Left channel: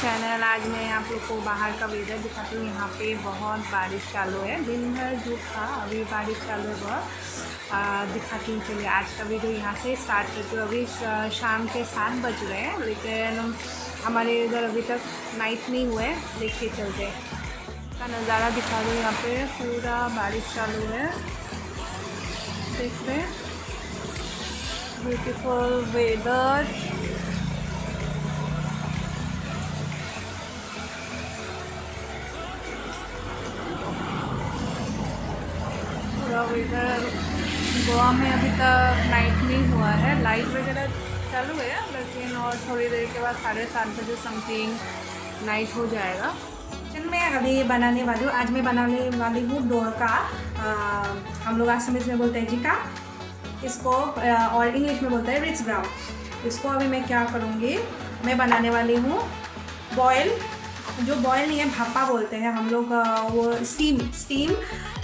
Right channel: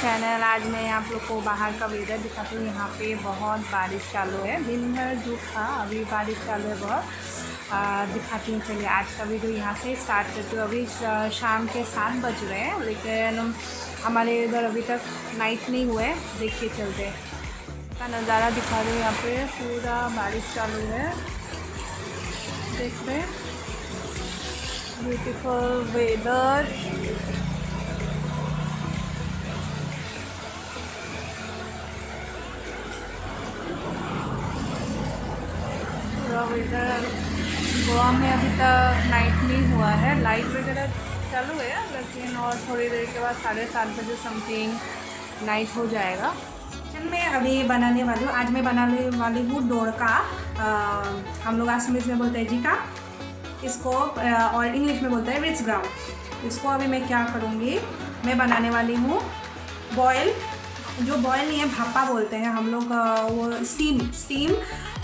Channel. आज मैं आप लोग को बाहर का वेदर दिखाती हूँ। यहाँ पे बहुत बारिश चालू है, दिन भर धूप था, अभी बारिश चालू है बहुत। दिखाती हूँ, चलिए आज का वीडियो यहाँ से स्टार्ट करती हूँ। अभी शाम के 7 बज रहे हैं, लेकिन हमारे इधर अभी तक नाइट नहीं हुआ है। देखिए चलते का नज़ारा दिखा रही हूँ। यहाँ पे पूरा बारिश चालू है, देख रहे हैं, ब्यूटीफुल वेदर। पूरा वेदर गोवा में अभी तक नाइट नहीं हुआ है, लाइट वगैरह चालू है, लेकिन और थोड़ी देर के बाद 7:30 बजे समथिंग नाइट हो जाएगा। मैं अभी बनाने वाली हूँ, आज मैं बनाने वाली हूँ डोरका। हम लोग असमीज में बोलते हैं जिका इसको, और इंग्लिश में बोलते हैं रिजगोर्ड। इसको अभी मैं क्या करूँगी, मैं बनाने वाली हूँ बॉयल, जो बॉयल नहीं है भापा बोलते हैं हम लोग, वो स्टीम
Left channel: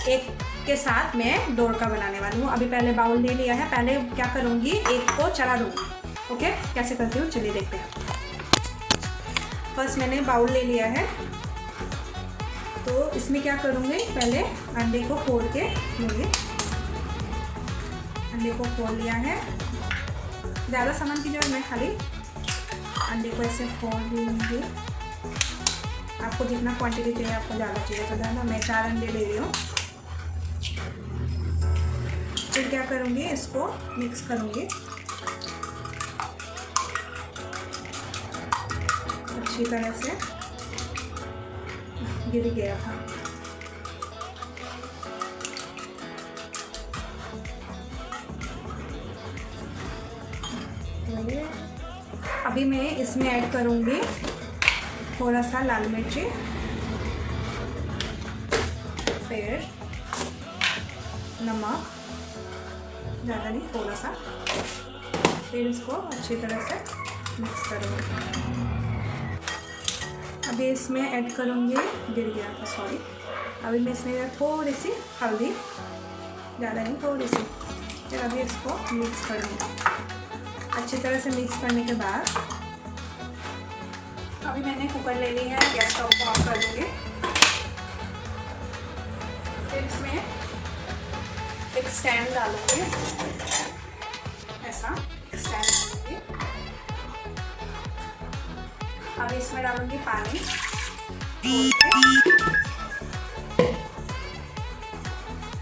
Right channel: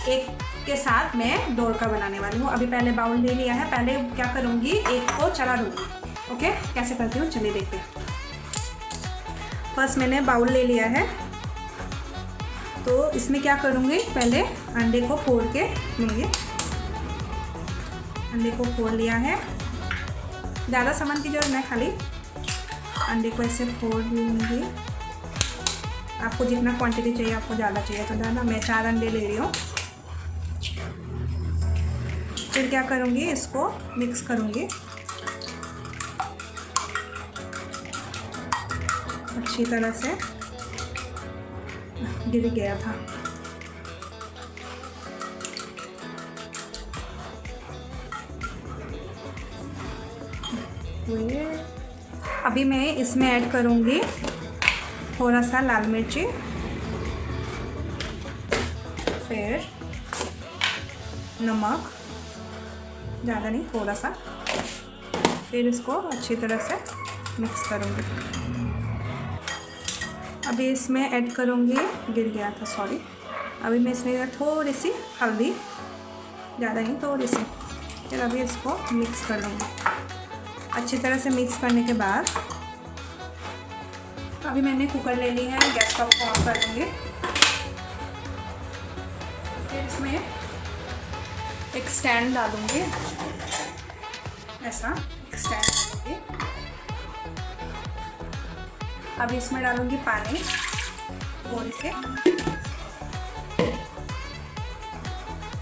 एक के साथ मैं डोरका बनाने वाली हूँ। अभी पहले बाउल ले लिया है, पहले क्या करूँगी एक को चला दूँगी। ओके, कैसे करती हूँ चलिए देखते हैं। फर्स्ट मैंने बाउल ले लिया है, तो इसमें क्या करूँगी, पहले अंडे को फोड़ के लेंगे। अंडे को फोड़ लिया है, ज़्यादा सामान की जरूरत नहीं, खाली अंडे को ऐसे फोड़ लूँगी। आपको जितना क्वांटिटी चाहिए, आपको ज़्यादा चाहिए तो ज़्यादा, मैं 4 अंडे ले रही हूँ। फिर क्या करूँगी, इसको मिक्स करूँगी अच्छी तरह से। गिर गया था, ये अभी मैं इसमें ऐड करूँगी थोड़ा सा लाल मिर्ची, फिर नमक, ज़्यादा नहीं थोड़ा सा, फिर इसको अच्छी तरह से मिक्स करूँगी। अभी इसमें ऐड करूँगी, गिर गया था सॉरी, अभी मैं इसमें थोड़ी सी हल्दी, ज़्यादा नहीं थोड़ी सी, फिर अभी इसको मिक्स करूँगी। अच्छी तरह से मिक्स करने के बाद अभी मैंने कुकर ले लिया है, गैस को ऑफ कर दूँगी। इसमें एक स्टैंड डालूँगी, ऐसा एक स्टैंड डालूँगी। अब इसमें डालूँगी पानी,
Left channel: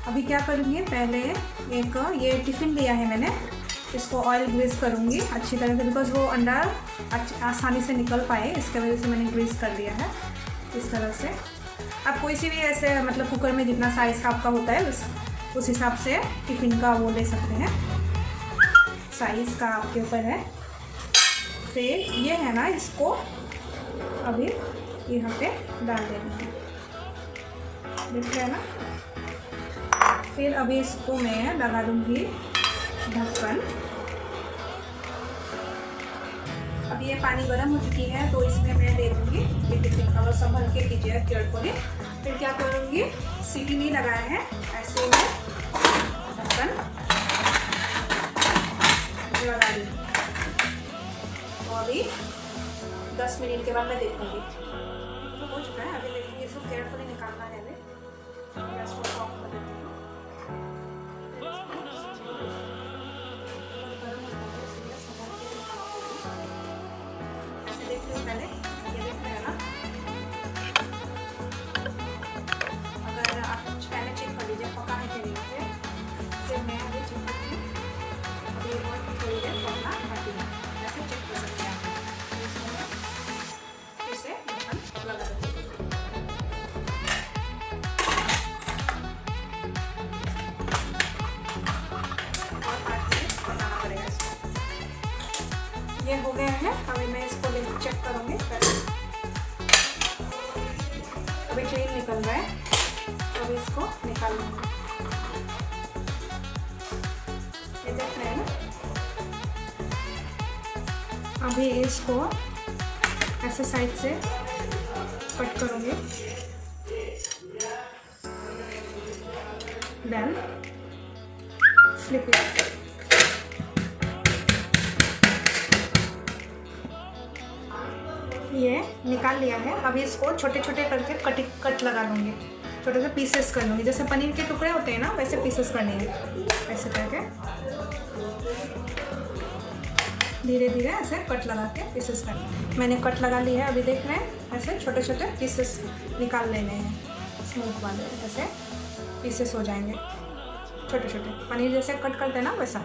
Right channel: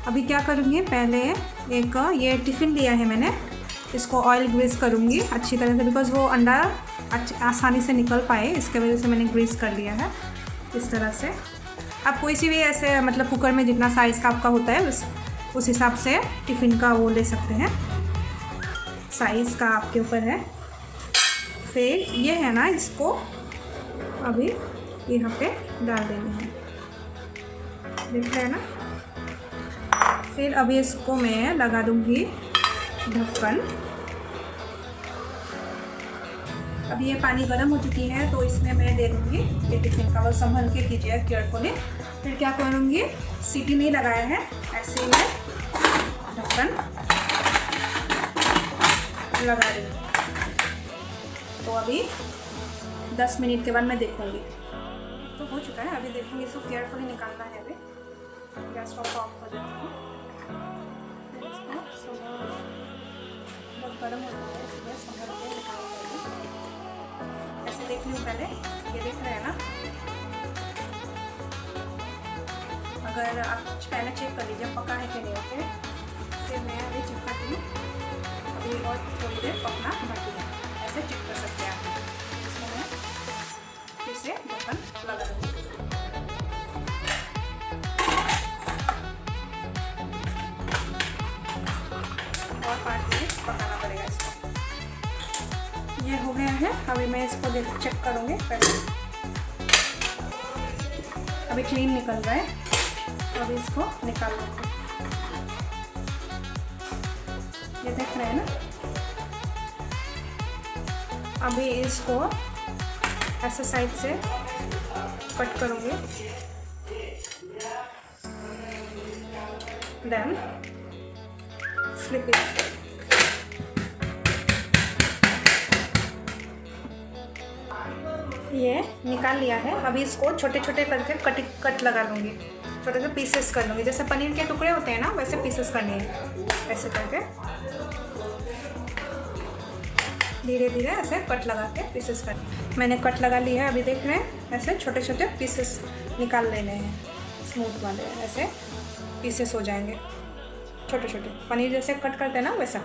अभी क्या करूँगी, पहले एक ये टिफ़िन लिया है मैंने, इसको ऑयल ग्रीस करूँगी अच्छी तरह से, बिकॉज़ वो अंडा आसानी से निकल पाए, इसके वजह से मैंने ग्रीस कर लिया है इस तरह से। आप कोई सी भी ऐसे मतलब कुकर में जितना साइज़ का आपका होता है उस हिसाब से टिफ़िन का वो ले सकते हैं, साइज़ का आपके ऊपर है। फिर ये है ना, इसको अभी यहाँ पे डाल देना है, देख रहे हैं ना। फिर अभी इसको मैं लगा दूँगी ढक्कन। अभी ये पानी गर्म हो चुकी है, तो इसमें मैं दे दूँगी ये टिफिन का, और संभल के दीजिए केयरफुली। फिर क्या करूँगी, सीटी नहीं लगाया है, ऐसे ही मैं ढक्कन लगा दूँगी। तो अभी 10 मिनट के बाद मैं देखूँगी, तो हो चुका है। अभी देखूँगी, इसको केयरफुली निकालना है। अभी गैस को ऑफ कर देती हूँ। ऐसे देख लीजिए, पहले ये देख रहे हैं ना, अगर आप कुछ पहले चेक कर लीजिए पका है कि नहीं होते, फिर मैं अभी चेक करती हूँ, अभी और थोड़ी देर पकना बाकी है, ऐसे चेक कर सकते हैं आप। इसमें मैं फिर से ढक्कन लगा दूँगी। ये हो गया है, अभी मैं इसको चेक करूँगी। अभी क्लीन निकल रहा है, तो अभी इसको निकाल लूँगी। ये देख रहे हैं ना, अभी इसको ऐसे साइड से कट करूँगी, देन फ्लिप इट। ये निकाल लिया है। अभी इसको छोटे छोटे करके कट लगा लूँगी, छोटे से पीसेस कर लूँगी। जैसे पनीर के टुकड़े होते हैं ना, वैसे पीसेस करने हैं। ऐसे करके धीरे धीरे ऐसे कट लगा के पीसेस करना है। मैंने कट लगा लिया है। अभी देख रहे हैं, ऐसे छोटे छोटे पीसेस निकाल लेने हैं, स्मूथ वाले। ऐसे पीसेस हो जाएंगे छोटे छोटे, पनीर जैसे कट करते हैं ना वैसा।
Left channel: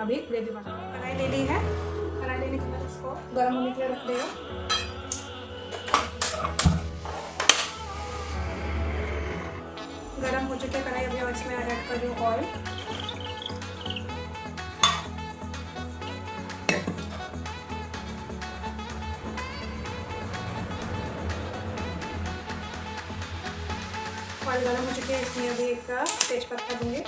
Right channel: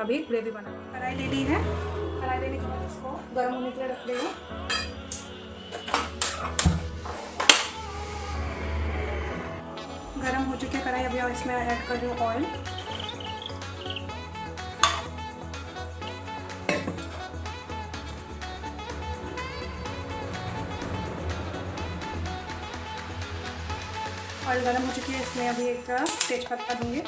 अभी ग्रेवी बना, कढ़ाई ले ली है। कढ़ाई लेने के बाद इसको गर्म होने के लिए रख देगा। गर्म हो चुकी है कढ़ाई। अभी इसमें ऐड कर दूँ ऑयल। ऑयल गर्म हो चुकी है, इसमें अभी एक तेज पत्ता दूँगी,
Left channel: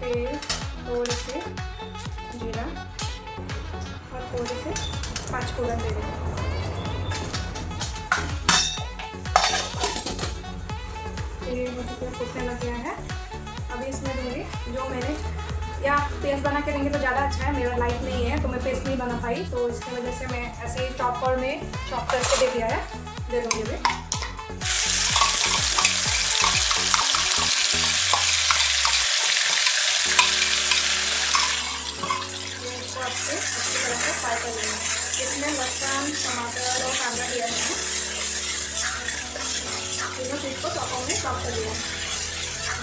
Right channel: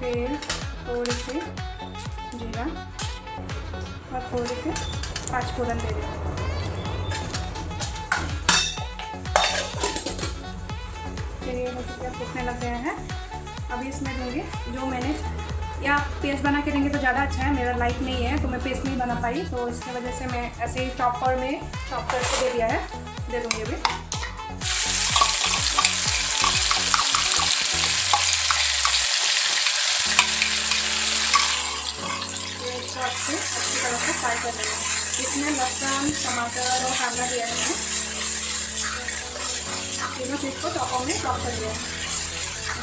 फिर थोड़ी सी जीरा और थोड़ी सी 5 फोरन दे देंगे। फिर ये मुझे फूटने लग गया है। अभी इसमें दूँगी जो मैंने, या पेस्ट बना के देंगे तो ज़्यादा अच्छा है। मेरा लाइट नहीं है तो मैं पेस्ट नहीं बना पाई, तो इसकी वजह से मैं ऐसे ही चॉपर में चॉप करके दे दिया है। दे दूँगी अभी। इसमें लहसुन, टमाटर और कांदा दिया है, तीनों चीज़ को चॉपर में चॉप कर दिया।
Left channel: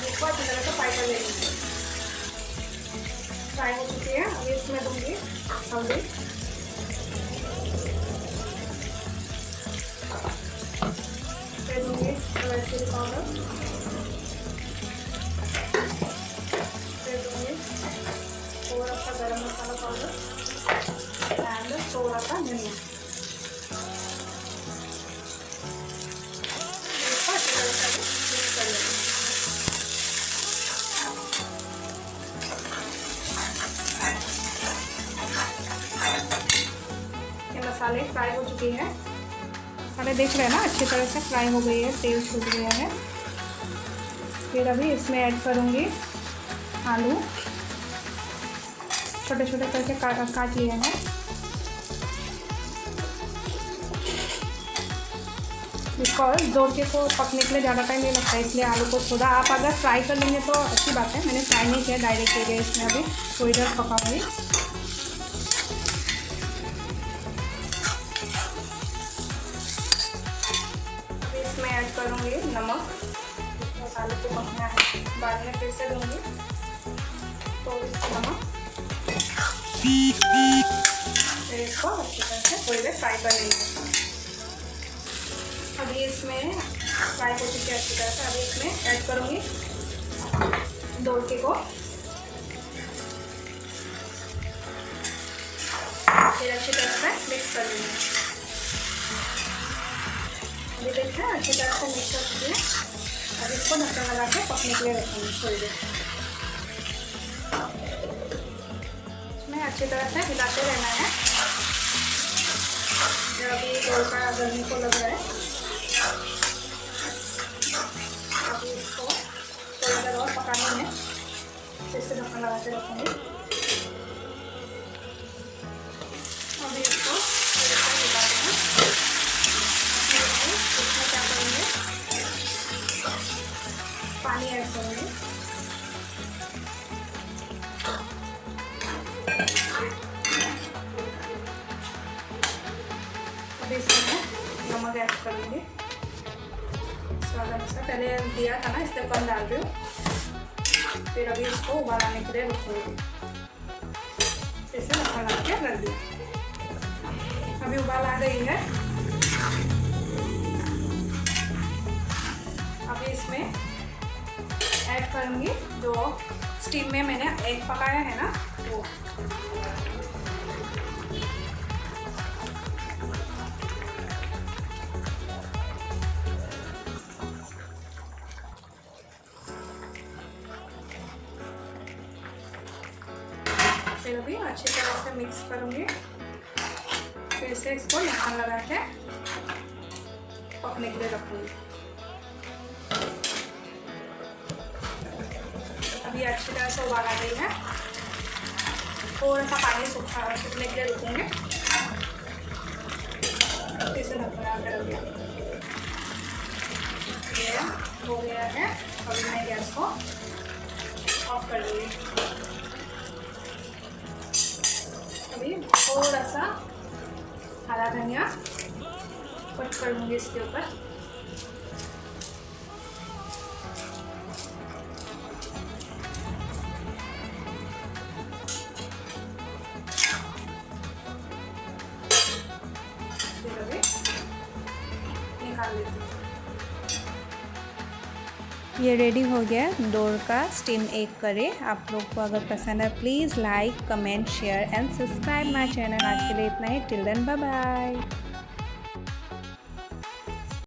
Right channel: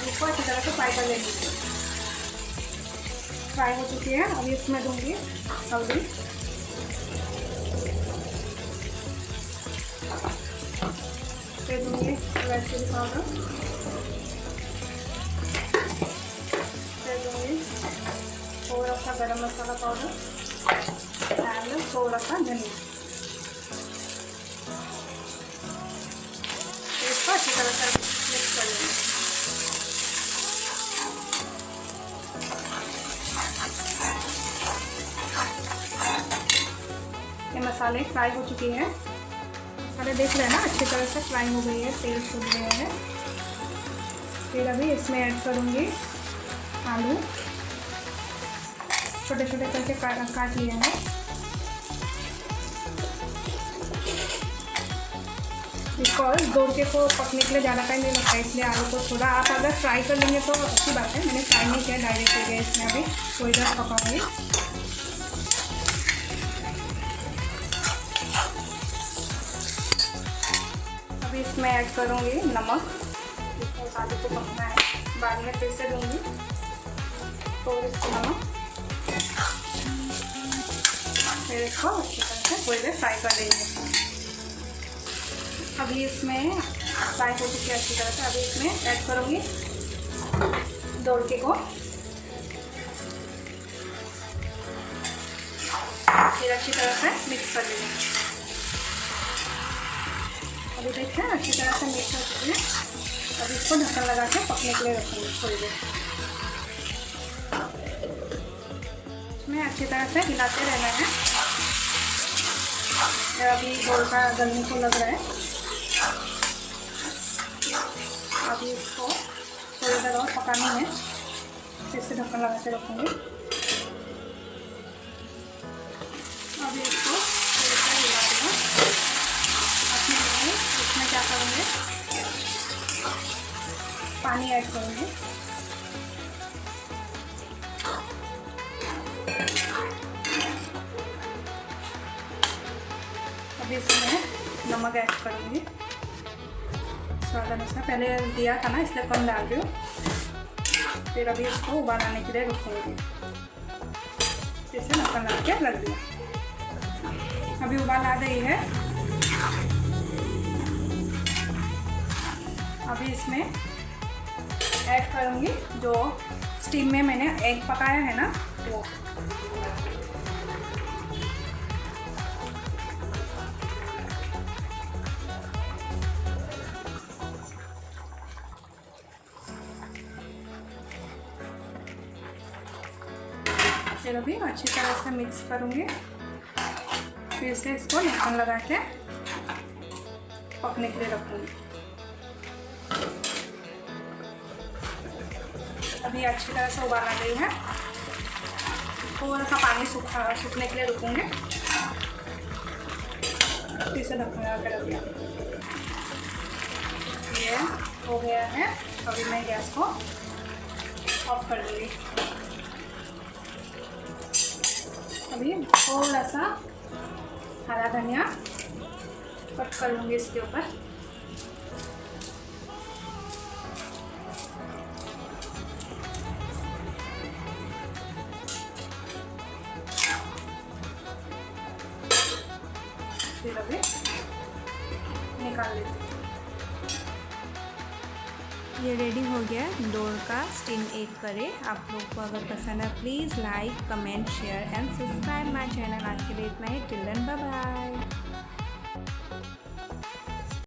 इसको अच्छी तरह से फ्राई कर लेंगे। फ्राई हो चुकी है। अभी इसमें दूँगी हल्दी, फिर दूँगी रेड चिली पाउडर, फिर दूँगी थोड़ा सा गरम मसाला पाउडर और थोड़ा सा धनिया। इसको अच्छी तरह से मिक्स कर लेंगे। ये मसाले फ्राई हो चुके हैं। मसाले देख रहे हैं ना, अच्छी तरह से फ्राई हो गई है, तेल छूट गया है। फिर अभी इसमें ऐड करूँगी आलू, छोटे छोटे करके काट लिए हैं। बिकॉज दोरके को पकने के लिए ज़्यादा टाइम नहीं लगता है, इसलिए आलू को थोड़ा आप अगर फ्राई कर लेंगे तो अच्छी बात है। मैंने फ्राई नहीं किया, डायरेक्ट हो गया। इसमें अभी थोड़ी देर पकाऊंगी। अभी इसमें ऐड करूँगी नमक, मसाले को पकना है, बाद में फिर से दूँगी थोड़ी सी नमक। फिर इसको अच्छी तरह से थोड़ी देर फ्राई कर लेंगे। अभी इसमें फ्राई हो चुकी है अच्छी तरह से। अभी इसमें ऐड करूँगी दोरके को, फिर अच्छी तरह से मिक्स कर लेंगे। अभी देखते हैं अच्छी तरह से मिक्स कर चुकी है। अब इसको ढक्कन लगा के पकने के लिए रखेंगे थोड़ी देर। इसमें अच्छी तरह से हिलाते रहना है। अभी दोरका गलने को लग रहा है। अभी इसको थोड़ी देर और पकाना है, फिर से ढक्कन लगा के रखूँगी। अभी इसको थोड़ा सा हिलाते हैं। इसमें क्या करेंगे, पानी ऐड करेंगे। अभी इसमें नमक ऐड करूँगी स्वाद अनुसार। पहले दिया था ना, इसलिए कम डाल रही हूँ। फिर अभी इसको उबाल आने के लिए रखूँगी। फिर से ढक्कन लगा के रख दिया। अभी उबाल आ गई है। अभी इसमें ऐड करूँगी जो स्टीम में मैंने एग पकाया है ना, वो। फिर अभी अच्छी तरह से मिक्स करूँगी। फिर से इसको ढक्कन लगा के पकने के लिए रखूँगी। अभी अच्छी तरह से उबाल आ गई है। थोड़ा सा पानी सूखने के लिए रुकेंगे, फिर से ढक्कन लगा के रख दिया। हो गया है, अभी मैं गैस को ऑफ कर दूँगी। अभी थोड़ा सा हरा धनिया कट कर लूँगी इसके ऊपर। फिर अभी निकाल लेती हूँ। ये रेडी हो गया दोरका स्टीम एग करी। आप लोग को अगर पसंद है please like, comment, share and subscribe my channel. आज के लिए इतना ही। Till then bye bye.